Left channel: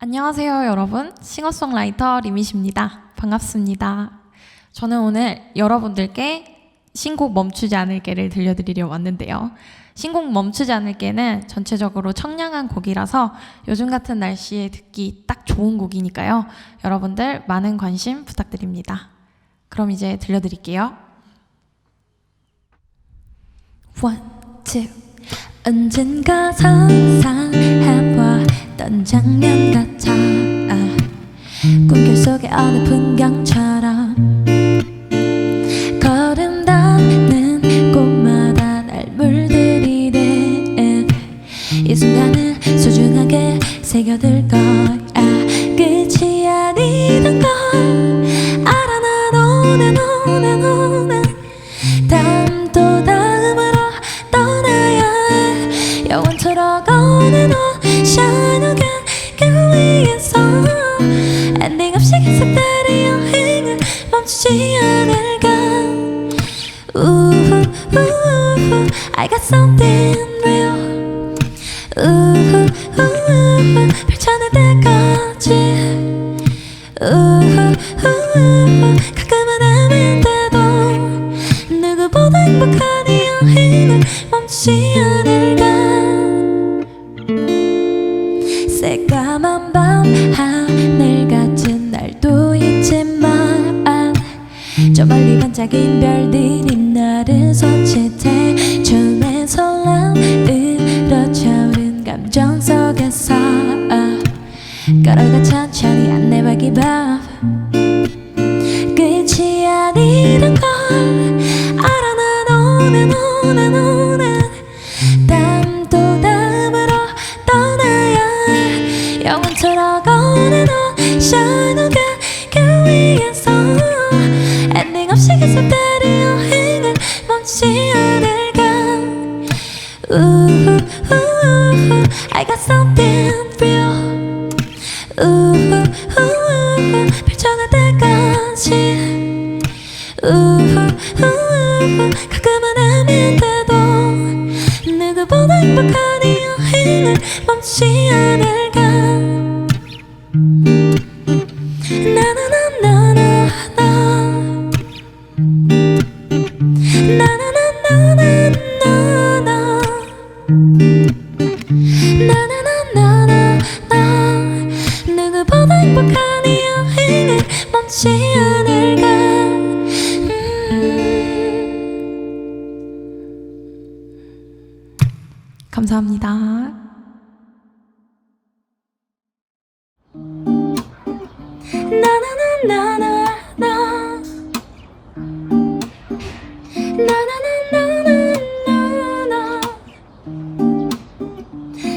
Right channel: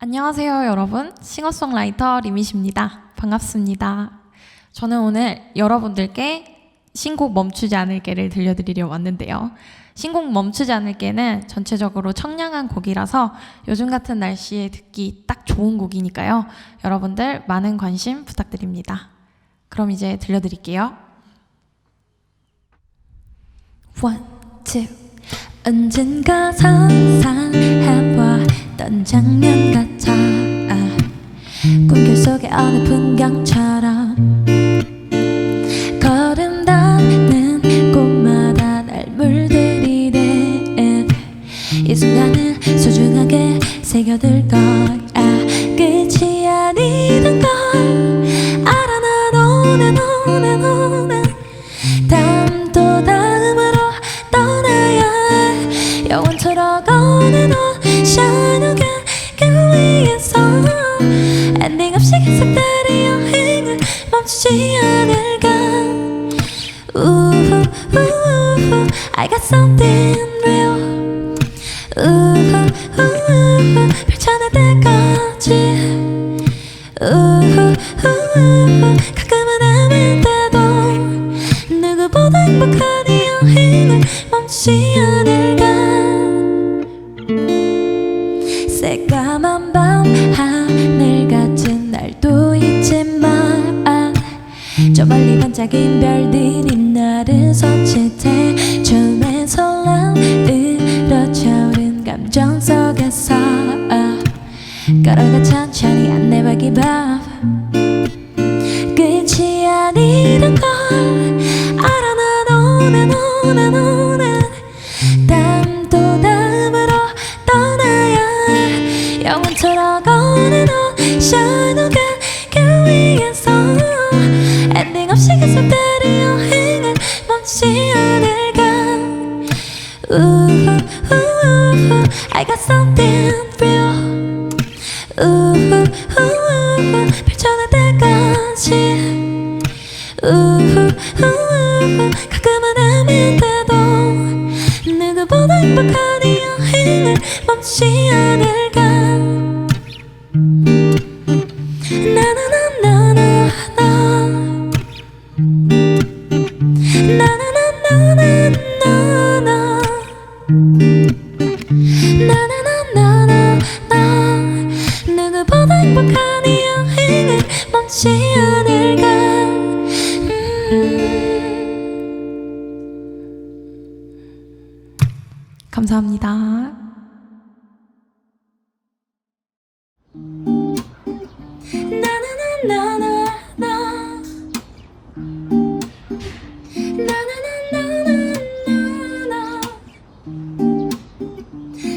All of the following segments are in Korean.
안녕하세요, 여러분. 싱어송라이터 리밋입니다. 반갑습니다. 저는 오늘 여러분들께 신곡 멈추지 않을게를 들려드리려 왔는데요. 신곡 멈추지 않을게는 전체적으로 청량한 곡이라서 요즘 같은 날씨에 듣기 딱 좋은 곡이니까요. 여러분들 많은 관심 부탁드립니다. 그럼 이제 들려드릴게요. One, two. 언젠가 상상해봤던 장면 같아. 아, 꿈결 속의 어느 풍경처럼 걸음 닿는 곳마다 날 물들이네 이 순간을 소중하게 새겨둘 거야. 끝이 아니던 걸 shine again 그 위에서 엔딩 없이 계속되는 여행을 멈추지 않을까. 우후 우후 I got something real. 우후 우후 펼쳐낼 때까지. 우후 우후 가끔은 헤맨데도 누구보다 행복한 이 여행을 멈추지 않을까 새까만 밤 하늘 같은 날도 있지만 저 멀리 반짝인 별들이 나를 서치해 처음엔 설렘 으러차오른 감정 속에서 걸어가 천천히 안내박이 밥 끝이 아니란 걸 해 영원토록 오는 옷 shine again 그 위에서 엔딩 없이 계속되는 여행을 멈추지 않을까. 우후 우후 I got something real 우후 우후 펼쳐낼 때까지. 우후 우후 가끔은 헤맨데도 누구보다 행복한 이 여행을 멈추지 않을까 음. 감사합니다. 나나 나 나나나나나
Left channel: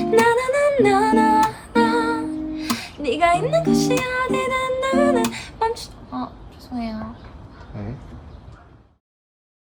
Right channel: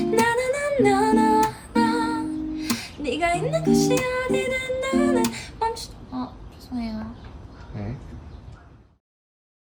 나 나나나나나 네가 있는 곳이 어디든 나는